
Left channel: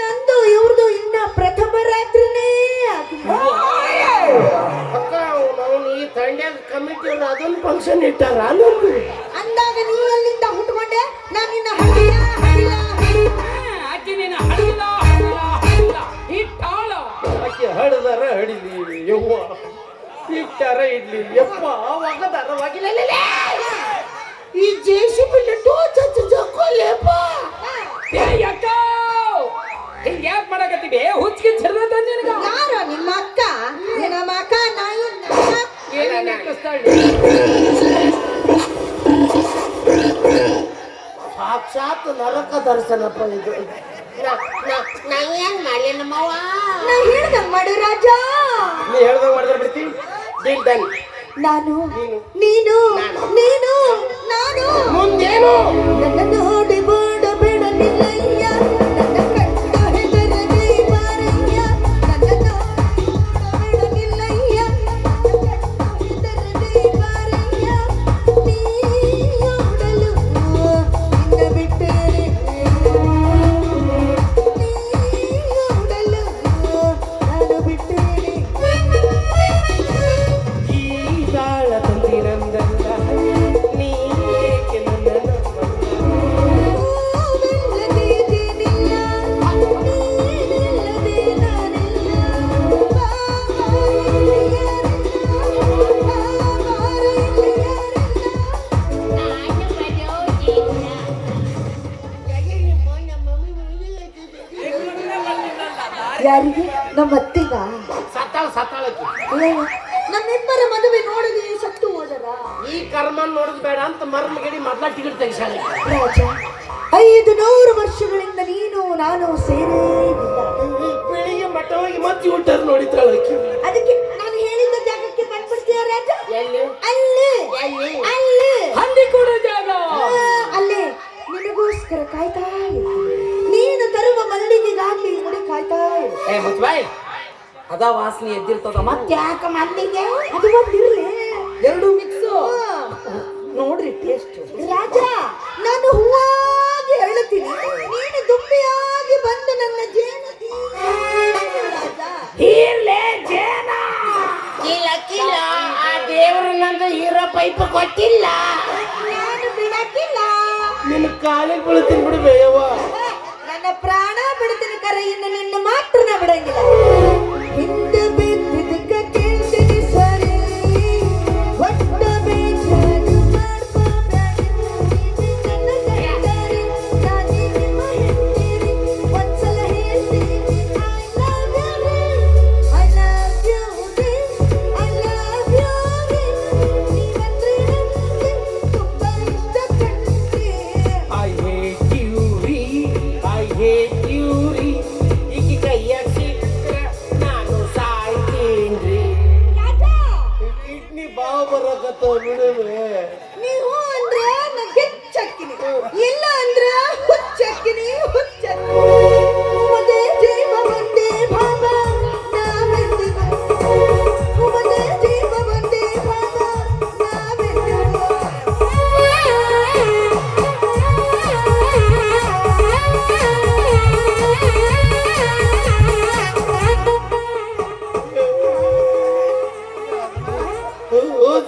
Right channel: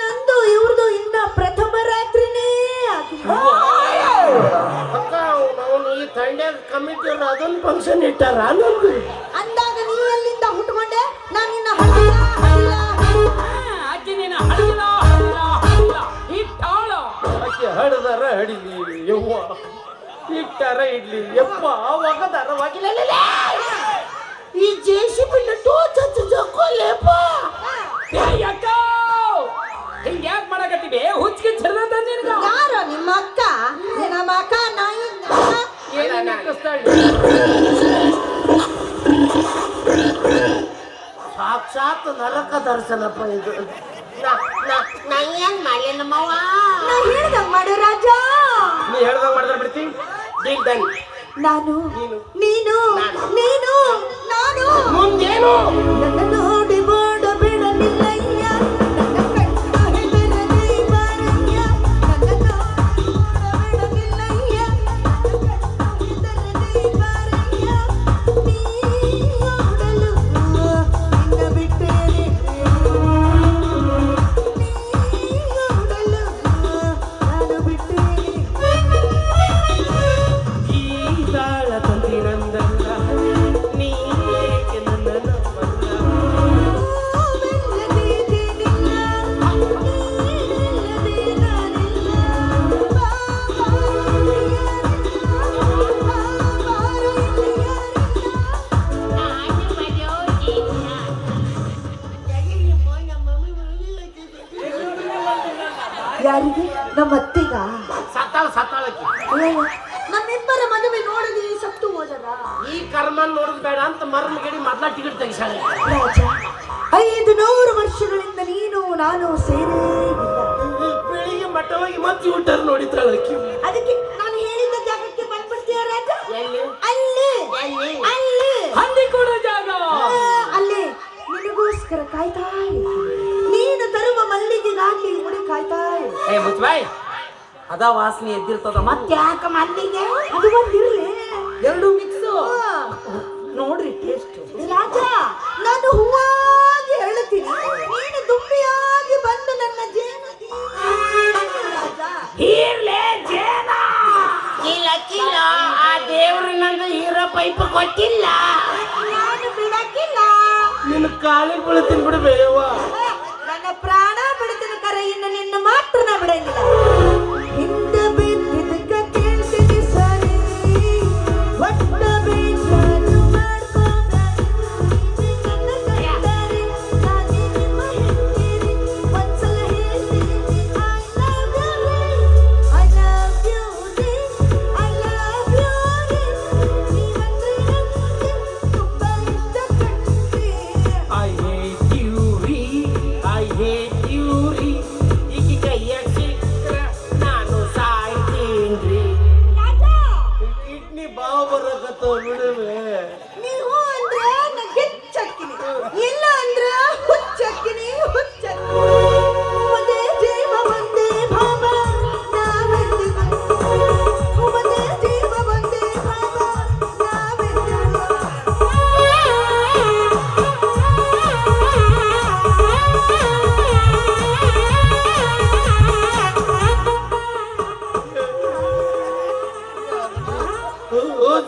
ನಂದು ಇವ್ರದು ಇನ್ನ ಪ್ರಥಮ ರಾತ್ರಿನೇ ಆಗಿಲ್ಲ. ಅಕ್ಕ ಅವನು ಈ ತಂಡ್ಯಾಗ ಕಮಿಟಿ ಅದೊಂದು ಫಂಕ್ಷನ್ ಇಟ್ಟಾರ ಅನ್ನೋದು ಅಂದಾಗ ನೀ ಎಲ್ಲಿಂದ ಹುಟ್ಕೊಂಡೆ? ನಾನು ನಿನ್ನ ಹಳ್ಳಿಯ ಆಕೆ ನೀನು ಹಡಿಲ ಹಡಿಲ ಹಡಿಲ ಇಟ್ಟಾಳ. ಆಕೆ ಹಡದಾರ ಹಡಿಲಿ ಯವ್ವ, ಇಟ್ಟಾರ ಇಡ್ಲಿ ಯಪ್ಪ, ಒಗದಾರ ಒಗಿಲೇ. ಈ ಜೆಸಿಬಿ ಜಕ್ಕೋಲೇಪ್ಪ. ಹಿಂಗ ಯಾಕೆ ಮಾಡಕತ್ತಿದೆ? ಹುಚ್ಚಿಗೆ ಚರ್ದ ನಿನಗ ಯಾರು ನಿಮ್ಮ ಅಕ್ಕ? ನಿನ್ನ ಮಕ ನಾಯಿ ಏನೇನು ಕಸ್ತಾಳಿ? ಸಾಕ್ಷಾತ್ ನರಕ ದರ್ಶನಪ್ಪ ಇದು. ನಾ ಏನ್ ಮಾಡ್ಲಿ ನಮ್ಮವ್ವ? ನಾ ಹೇಳ್ದಂಗ್ ಮಾಡು ರಾಜ. ನೀ ಹೇಳ್ದಂಗ ಮಾಡಿದ್ರೆ ಬಿಡ್ತಿ. Deal done. ನಾನು ನೀನು ನೀನು ನೀನು ನಾನು ಮುಂದೇನು? ನನ್ನ ನೋಡಿ ಓಡಬೇಡಲಿಲ್ಲಯ್ಯ, ನನ್ನ ಕಣ್ಣ ಹೆದರದೆ ಬಾರಯ್ಯ, ನನ್ನ ನೋಡಿ ಓಡಬೇಡಲಿಲ್ಲಯ್ಯ, ನನ್ನ ಕಣ್ಣ ಹೆದರದೆ ಬಾರಯ್ಯ, ನೀ ಓಡಲು ನಿನ್ನ ಬಿಟ್ಟೇನೆ, ನೀ ಓಡಲು ನಾನು ಬಿಟ್ಟೇನೆ. ಈ ತಾಳ ತಂದಿರಂದಲ್ಲ, ನೀ ಏಕೆ ನನ್ನನ್ನ ಯಾರಿಗೆ? ನಮ್ಮ ಅತ್ತಿಗ? ಸತ್ತಾಳಕ್ಕೆ ನಮ್ಮಿಬ್ಬರ ಮದುವೆ ನೋಡದೆ ಸತ್ತು ಹೋದರ ಈ ಕರ್ಮನ್ ನೋಡುದು ಬೇಡ ಅಂತ ಮರಣ ಗಡಿ ಮೊದ್ಲ ಟಿಕೆಟ್ ತೆಗಿಸಾಳೆ. ರಾಜ. 500 ವರ್ಷಗಳಿಂದ ನೀನು ನಾನು ಸೇರೇ ಇಲ್ಲ. ಬೆಳಿಗ್ಗೆ ಮಟ್ಟ ಹೋಗಿ ಮತ್ತೆ ಊಟ ನೋಡಿದ್ರಲ್ಲ ಆಕಿ. ಅದಕ್ಕೆ ನಾನು ಹೇಳಿದ ಜಾಗಕ್ಕೆ ಬಂದ್ಬಿಡ್ತೀಯ ರಾಜ? ಎಲ್ಲಿ? ಅಲ್ಲಿ ಅಲ್ಲಿ ಹಂದಿ ಕೂಡ ಜಾಗ. ಅಲ್ಲಿ ನಿನಗೋಸ್ಕರ ಕಾಯ್ತಾ ಇರ್ತೀನಿ. ನೀನು ತರುವ ಮಲ್ಲಿಗೆಗಾಗಿ ನೋಡಿ ಕಾಯ್ತಾ ಇರ್ತೀನಿ. ಏ ಮುಚ್ಬಾಯ್, ಅದ ವಾಸನೆ ಎದ್ದಿರ್ತದ. ಮತ್ತೆ ಯಾಕ ಮಲ್ಲಿಗೆ? ಅದು ಒಂದಿರ್ಲಿ, ಎರಡು ಮಿಕ್ಸು ನೋಡ್ರಿ ಟೇಸ್ಟ್. ರಾಜ, ನಾನು ಹೂವಾಗಿ ಹೇಳುತ್ತೀನಿ, ನೀನು ದುಂಬಿಯಾಗಿ ಬಂದು ನನ್ನ ಜೇನು ರಾಜ. ಹೀರ್ಲೆ ಜೇನ. ಇಲ್ಲ ಆ ದೇವರು ನಂದು ಹೀರೋ ಪೈಪ್ ಕೊಟ್ಟಿಲ್ಲ. ನಾನು ಬಿಡಕ್ಕಿಲ್ಲ. ನಿನ್ನ ಕಾಲಿಗೆ ಬೀಳ್ತೀನಿ ಬಿಡು ಬೇಯವ್ವ. ನನ್ನ ಪ್ರಾಣ ಬಿಡ್ತೀನಿ ಕರೆ, ಇನ್ನು ನಿನ್ನ ಮಾತ್ರ ನಾ ಬಿಡಂಗಿಲ್ಲ. ಹಿಂದೆ ಬಿದ್ದಿದ್ದಕ್ಕ ಕೇಳ್ತೀನಿ ಸರಿ, ಒಟ್ಟ ಬೇಕಾದು ಮಾಡ್ಕೊಂಡಾರೆ, ನನ್ನ ಕಂಡಾರೆ, ನಾನೇ ನಿಮ್ಮ ಹೆಂಡತಿ. ಒಂದ್ಸಲ ಹೇಳ್ತೀನಿ I love you ರೀ, I love you ರೀ, I love you ರೀ. ನೀವಂದ್ರೆ ನನಗೆ ತುಂಬಾ ಇಷ್ಟ ಕಣ್ರೀ. I hate you ರೀ, I hate you ರೀ. ಈಕಿ ಕೈಯಾಗ ಸಿಕ್ಕ್ರ ನಾನು ಸಾಯ್ತೀನ್ರಿ. ಕಿಡ್ನಿ ಬಾವು ಬರಕತ್ತವ ಬಿಡುವೆ. ನೀವು ಅಂದ್ರ ನಾ ಗೆಚ್ಚಕ್ಕಿನಿ, ಇಲ್ಲ ಅಂದ್ರ ಹುಚ್ಚಕ್ಕಿನಿ ಹುಚ್ಚಕ್ಕಿನಿ. ಒಂದೇ ಜೀವ ಒಂದೇ ಭಾವ ನಾವೆಂದು ಒಂದೇ ಜೀವ ಒಂದೇ ಭಾವ ನಾವೆಂದು.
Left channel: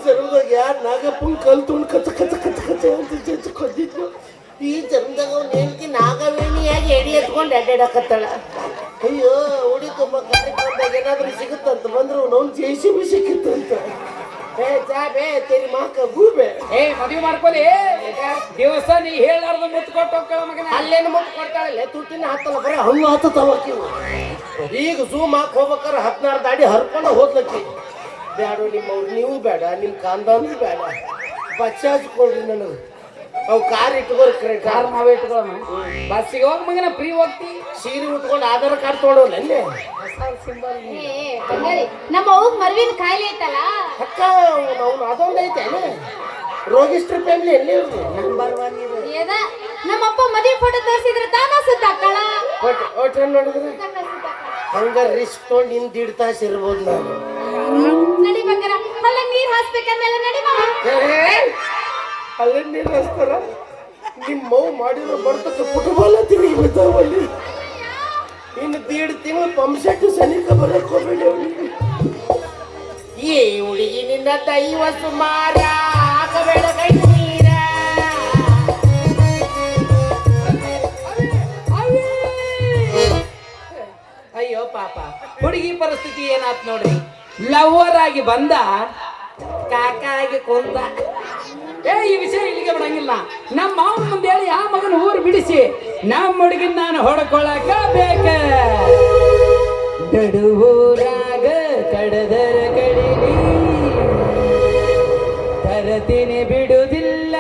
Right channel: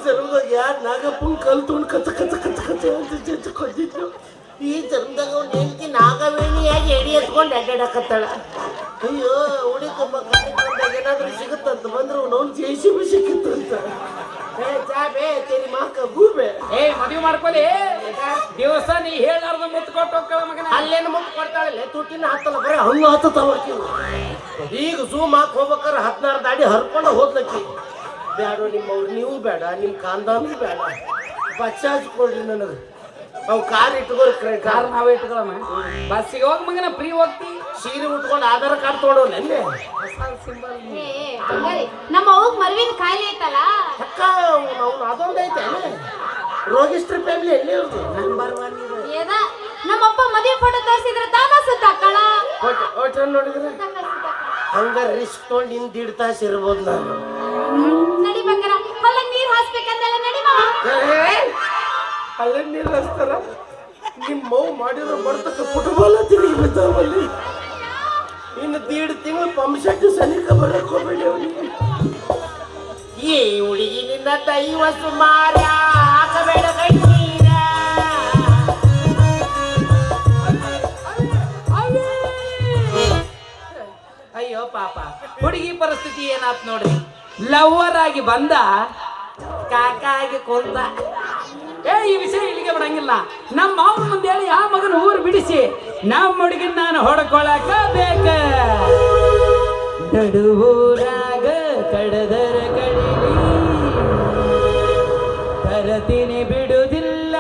ಜನ್ಮದಾಗ ಯಾರು ನಾಗಪ್ಪನ ಕಲ್ ತುಂಡು ಕಚ ಕಚ ಕಚ ಕಚ ಅಂತ ಚಚ್ಕೊಂಡಿದ್ರು. ಈ ಜನ್ಮದಾಗ ಅವ್ನು ಹೇಳ್ತಿ ನಾಗವೇಣಿಯಾಗಿ ಎಡಿ ಎತ್ಕೊಂಡು ಅಡ್ಡಾಡಕತ್ತಾಳ. ಅಯ್ಯೋ ಹುಡುಕಮ್ಮ ಕಾರ್ಯಕ್ರಮದಾಗ ಏನಾದ್ರೂ ಸಿಗುತ್ತಂತ ಬಂದ್ರು ಅವ್ನು JCB ಸಿಕ್ಕಿತ್ತು ಅಂತ. ಏ ಚಾ ಬೇ ತೆರಿ ಮಾಕ ಗೂಬೆ ಏ ಮದುವೆ ಮಾಡ್ಕೊಲಿ ದಿವಸ ನೀ ಹೇಳಾರ್ದ ಮುತ್ತು ಕೊಟ್ಟು ಹೋಗ್ತಾಳ ಮಗನ. ಅಲ್ಲೇನು ಮುಟ್ಟು ಕೊಡ್ತಾಳಲ್ಲ ತುಟ್ಟಿನ ಹತ್ತಲ್ಲ ಬರೀ ಹಣ್ಣು ಹತ್ತಲ್ಲ ಈಗ ಝೂಮ್ ಹಾಕಿ ಹೋಗ್ಬೇಕಾರೆ 16 ದಾಡಿ ಹರ್ಕೊಂಡು ಹೋದ್ಲಕ್ಕಿ. ಬೇಡ ನಿಮ್ಮವ್ರು ನೀವು ಬೇಡ ನಿಮ್ಮ ಕಾಂದಾನು ಬೇಡ ಬಚ್ಚಾಜ್ ಕೊಡ್ರಿ ನನಗೆ. ಅವು ಕಾರ್ ಇಟ್ಕೋರಿ ಕಾರ್ ಕಾರ್ ನಾವೇ ಇಟ್ಕೊಳ್ಳೋಣ. ಬಸ್ಸಿಗೆ ಹೋಗ್ ಮಗನ ಫ್ರೀ ಹೋಗ್ತಿ. ಸೀರೆ ಉಟ್ಕೊಂಡು ಆಧಾರ್ ಕಾರ್ಡ್ ತೊಗೊಂಡವಲ್ಲ ಅಲ್ಲೇ ಏ ಬಂಗಾರಿ ನಮ್ಮ ಅವ್ಗ್ ಮರ್ವಿನ ಕಾಯಿಲೆ ಐತಲ್ಲ ಅಕ್ಕ ನಾವು ಅದೊಂದು ಐತೆ ಅಲ್ಲೇ ರೋಗಿಸ್ಟ್ರ ಫ್ಯಾಮಿಲಿ ಎಲ್ಲಿ ಇರ್ತೀವಿ ನಂಬರ್ 1 ಇದು. ಏದ ನಮ್ಮಪ್ಪ ಮದುವೆ ಫೋಟೋ ತೋರಿಸಿದ್ರೆ ತಾನ ಸುತ್ತಾಕಳ ಒಟ್ಟು ನೋಡಿದ್ರೆ ಹಂಗ ರಿಸ್ಕ್ ತೊಗೊಂಡು ನಿನ್ 1.5 ತಾಸು ಇರ್ಬೋದು ನಾನು. ನಡಿ ಬಂಗಾರ ಅಲ್ಲ ನೀರ್ ಹಾಸ್ಬೇಕಂದಲ್ಲ ನಡಿ ಮಾವ. ಅಲ್ಲೇ ನೀರು ಹಚ್ತಾರ ನಿಮ್ಮ ಮಗು ಮಾಡಿರೋ ಬರ್ತಕ್ಕ ಫುಟ್ಬಾಲ್ ತಿರುಗಿ ಬಿದ್ದಾವಲ್ಲಿ. ಇನ್ನು 1.5 ತಿಂಗಳು ಪಂಪ್ ಸೆಟ್ ಸನಿಕ ಬರಕ್ ಹೋಗ್ಬೇಡಿ ಅವನಿಗೆ. ಏ ಹುಡುಗಿ ನಿನ್ನ ದೈವ ಸುಮಾರ ಹಾಕಬೇಡ ಕೈ ನೀರ. ಅಯ್ಯೋ ಪಾಪ ಹುಡುಗಿ ಪರಿಸ್ಥಿತಿ ಏನಾತ್ ನೋಡ್ರಿ. ಲವರ್ ಆಗಿ ಬಂದ ಕಾಕ ಆಗಿ ಕೊಂದ. ಈ ವಿಷಯ ಇಲ್ಲಿಗೆ ಬಿಡಂಗಿಲ್ಲ. ನಮ್ಮ ಮಾವನ ಮುಂದೆ ಹೇಳಿ ಆ ಮಗನ ಊರು ಬಿಡಿಸಿ ನಮ್ಮ ಹುಡುಗಿನ ನಾನು ಹೊಡ್ಕೊಳಕ ಬೇಕ. ನಡುವೂರಾಗ ಕಡದರ ಕಡಿಲಿ ತರತೀನಿ ಬಿಡುವುದಿಲ್ಲ.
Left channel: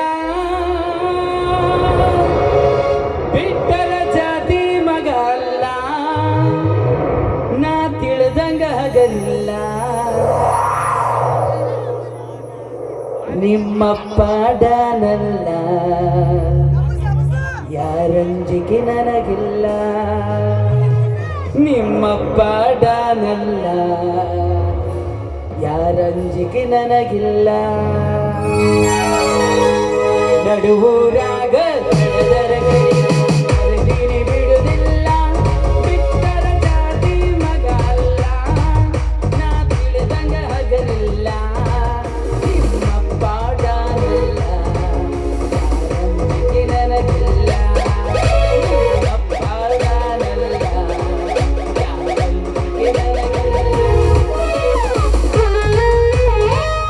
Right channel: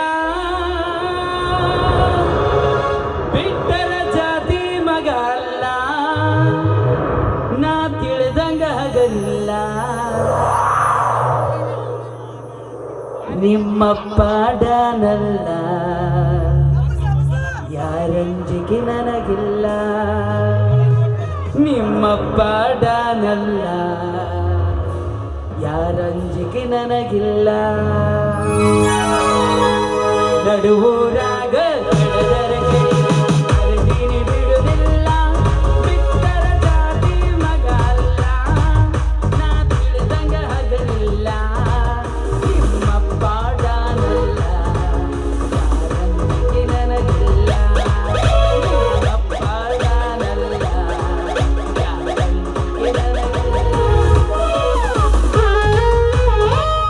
ಬಿಟ್ಟರ ಜಾತಿ ಮಗ ಅಲ್ಲ ನಾ ತಿಳಿದಂಗ ಹಗಲಿಲ್ಲ. ನಿಮ್ಮಪ್ಪ ಡಾನಲ್ಲ ಯಾರಂಜಿಕೆ ನನಗಿಲ್ಲ. ನಿಮ್ಮಪ್ಪ ಡಾನಲ್ಲ ಯಾರಂಜಿಕೆ ನನಗಿಲ್ಲ. ನಡುವು